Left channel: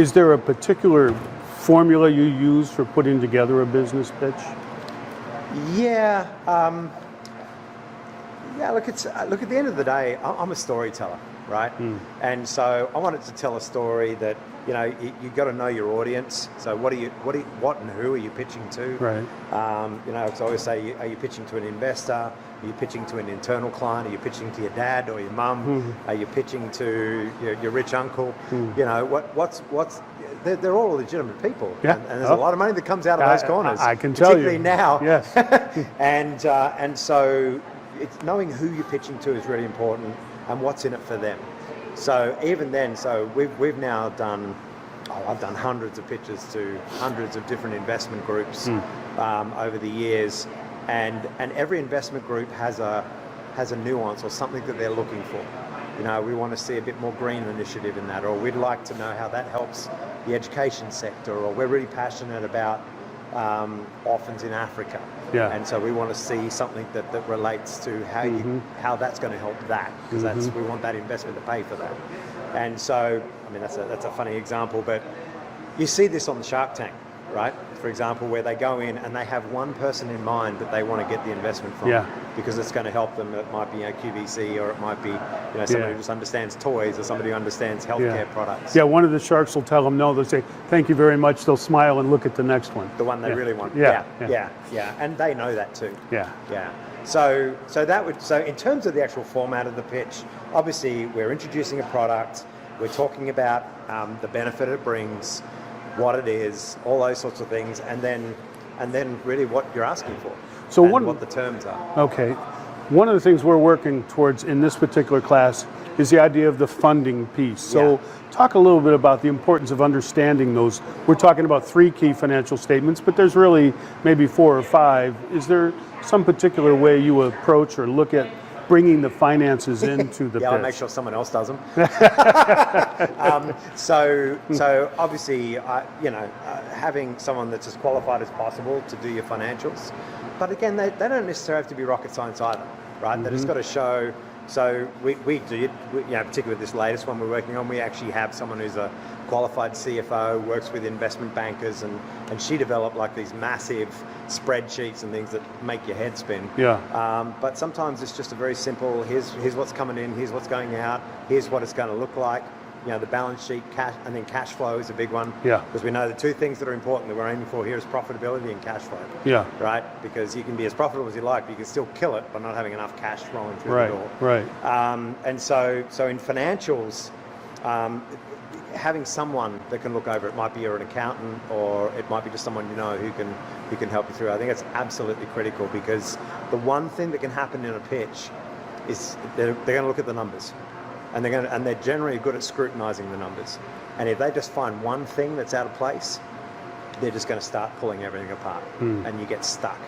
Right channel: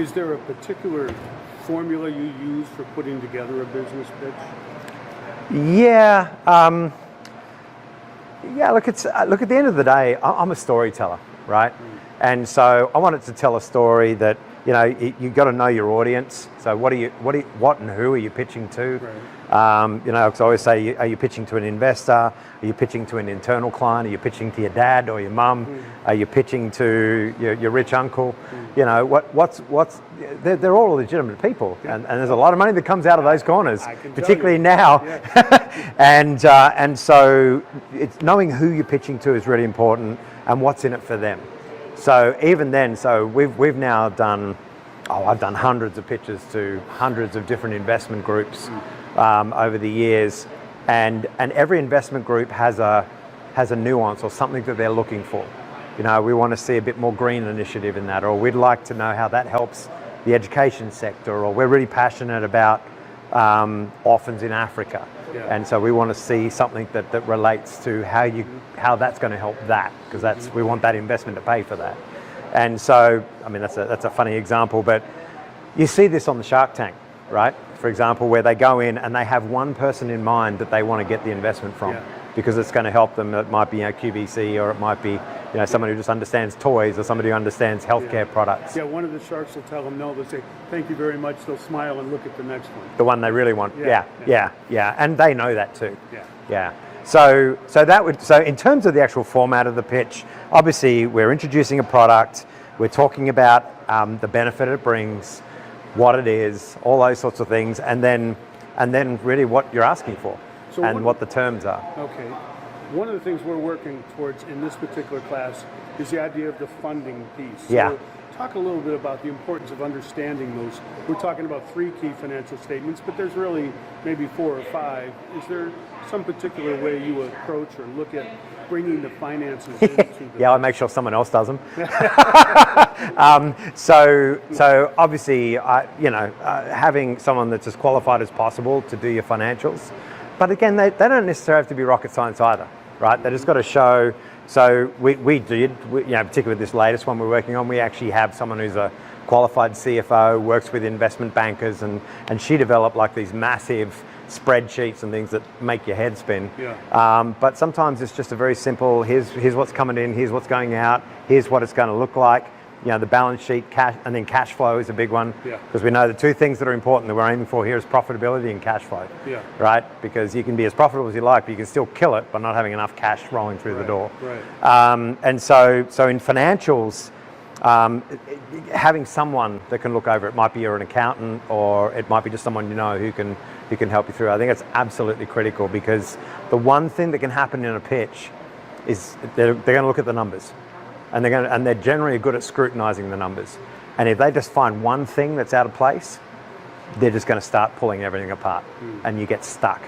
Is there a particular formula you use for putting together a business pitch? Yeah. Yeah, look, look, at the end of the day, I'm a storyteller, right? And so I wanted to tell a story that, you got to know your audience. So what and who are you pitching to? Right. Because I always say, are you pitching to an investor? Are you pitching to an internal client? Are you pitching to your dad or your mum? Are you pitching to your rich uncle? They're all legitimate people, and there's a lot of money that comes out of those corners. I can tell you. Particularly now. Yes. and so knowing who you're pitching to is really important, and what's in it for them. So even then, we've now done, I've done hundreds of pitches to hundreds of different investment groups over the years, and every investment group has a nuance or something that they're looking for. We want to see a bit more green initiative in that, or we'd like to know how that helps the education sector, or we're really passionate about orphans in Africa. Yeah. And so we want to see something that relates to how that's going to help that, because we want that investment to pay for that. And so, I mean, that's a funny example, but you see this on the Shark Tank, right? For example, where they go in and they have one person in mind that they want to get the investment from, because it's going to help them. It might be QVC, or it might be somebody who just understands toys, or somebody who understands healthcare products. Yeah, one of the sharks will tell them no. They'll say thank you very much. They'll smile and look at the next one. The one they really want. Yeah, and they know that too. Yeah. So in terms of the actual format of the pitch, obviously we're introducing a product. We're talking about the benefit it brings, what it is, all those sorts of things, and then really what you're asking for, and what the terms are. Okay. One of the things we're working towards in this particular class is the idea of the funding piece. So talk a little bit about the importance of understanding those. We're talking about 3 key financial statements, but there's really maybe 4 or 5. Is there some particular way you approach or look at bringing the finances into the I'll make sure someone else does them. So obviously, having someone that's as qualified as possible to do your financials, but again, they don't necessarily have to be rocket science either, right? They just got to show. So we did, particularly with this latest one we're working on, we actually have someone who's a qualified CFO, works with investment bankers, and she developed like these massive spreadsheets and things that make your head spin. But sometimes it's just a very simple, here's what's coming in, here's what's going out, here's what it's going to look like. The balance sheet, cash, and then cash flow is a big one. Because we know the 2 things that are important that we're aiming for here is profitability and cash flow. Right? Because you can be as profitable as you like, but you can still kill it by not having enough cash rolling through the door. And so in financials, having someone that can look over it, might be you're an accountant, or it might be just someone who can help you through. I think it's absolutely critical, because the one thing that can happen in a pitch is they're going to look at the numbers, and they're generally good at scrutinizing the numbers. And if they just find one thing that's out of place, they're just going to start pulling everything apart, and you get stuck.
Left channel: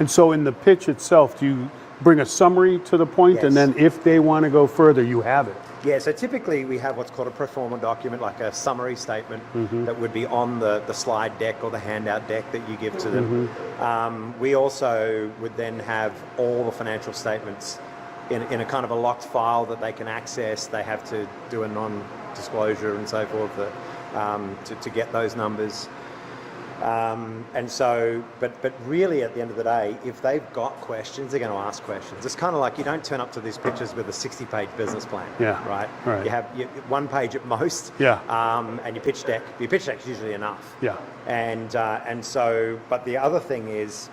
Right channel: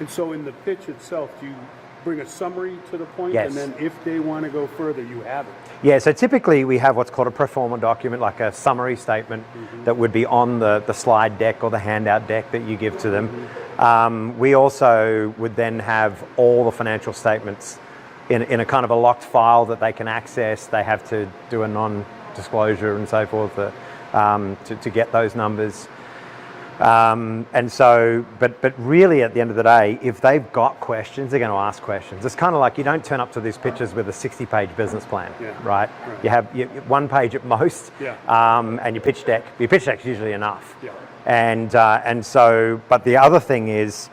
And so in the pitch itself, do you bring a summary to the point, and then if they want to go further, you have it? Yeah, so typically we have what's called a pro forma document, like a summary statement that would be on the slide deck or the handout deck that you give to them. We also would then have all the financial statements in a kind of a locked file that they can access. They have to do a non-disclosure and so forth to get those numbers. And so, but really at the end of the day, if they've got questions, they're going to ask questions. It's kind of like you don't turn up to these pitches with a 60-page business plan, right? You have 1 page at most, and your pitch deck. Your pitch deck's usually enough. And so, but the other thing is,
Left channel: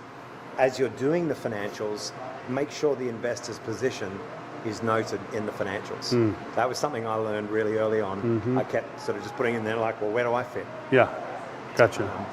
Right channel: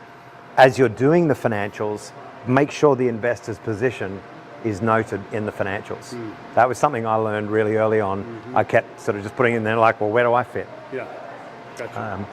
as you're doing the financials, make sure the investor's position is noted in the financials. That was something I learned really early on. I kept sort of just putting in there like, well, where do I fit? Gotcha.